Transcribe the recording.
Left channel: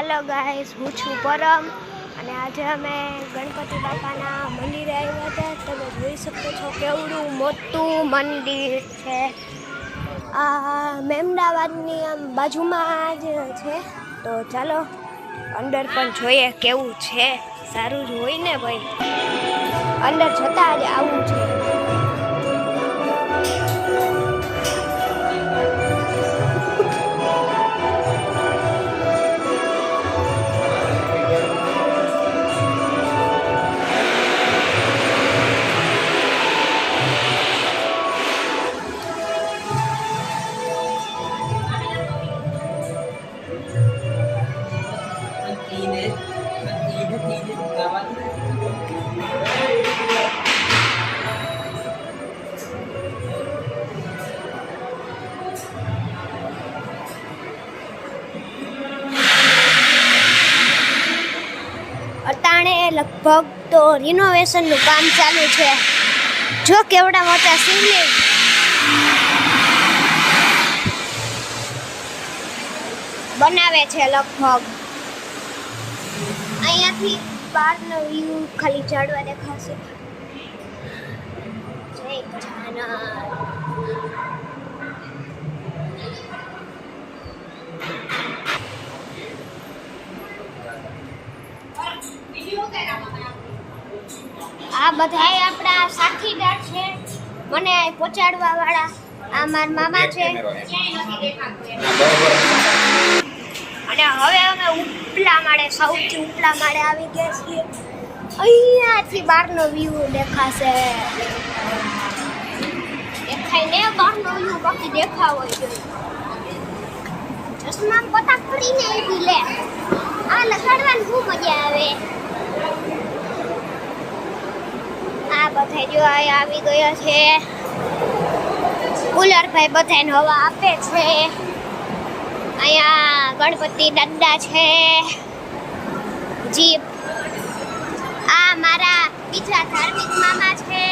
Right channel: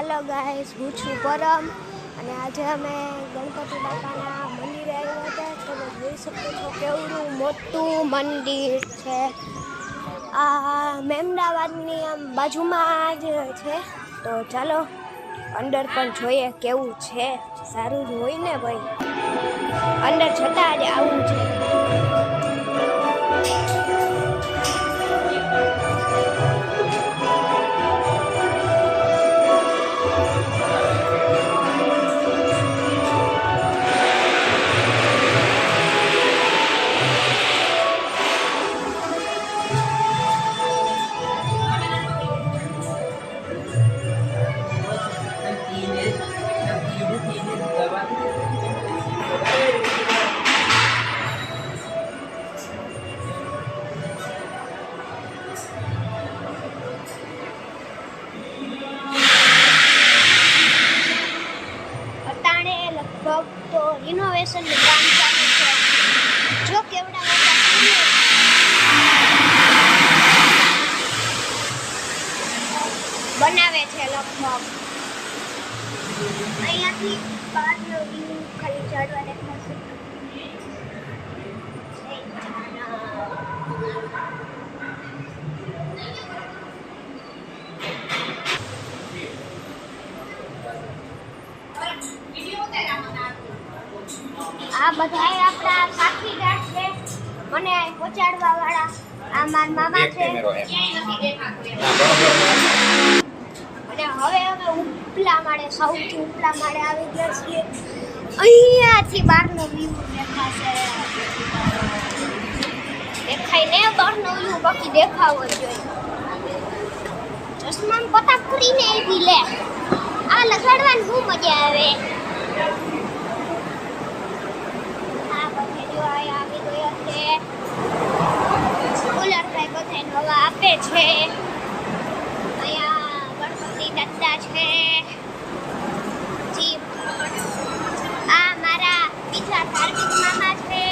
Hello guys, હું છું પરમ અને આજે અમે ગણપતિ બાપાના મંદિરે આવ્યા હતા. તમે જોઈ શકો છો કેવડું મોટું મંદિર છે. આ મહેમદાવાદની આમ બાજુમાં જ છે. તો ચાલો અંદર પણ જોઈએ કેવું છે. સારું જ હોય ને ભાઈ, અંદર જતા જ આવું છે. લગભગ તો રિનોવેશનનું કામ ચાલુ છે. જો કેવડા મોટા શિવલિંગ બનાવે છે. લગભગ અહીંયાથી બહારનો વ્યૂ ખાલી ઝાડવા દેખાશે. આ બધા આપણા સાથીદાર છે, મને પહોંચાડવા વાળા. આ મારા મામા છે. અને હવે અમે ઉપલા માળે, સૌથી ઉપલા માળે આવી ગયા છીએ. અહીંયાથી બહારનો વ્યૂ દેખાશે. દેખાય ને બહારનો વ્યૂ, બાકી દેખાવો જોઈએ. ચશ્મા પતા કરીને આવી લે. આ લગાડવાની બહુ મજા આવે. બધા જો આવી ગયા છે. કુલર ભાઈ બધાને હવા આપે છે. અહીંયા ગણપતિ દાદા છે. જીપ આ મારા બીજા ધાર્મિક મામા છે.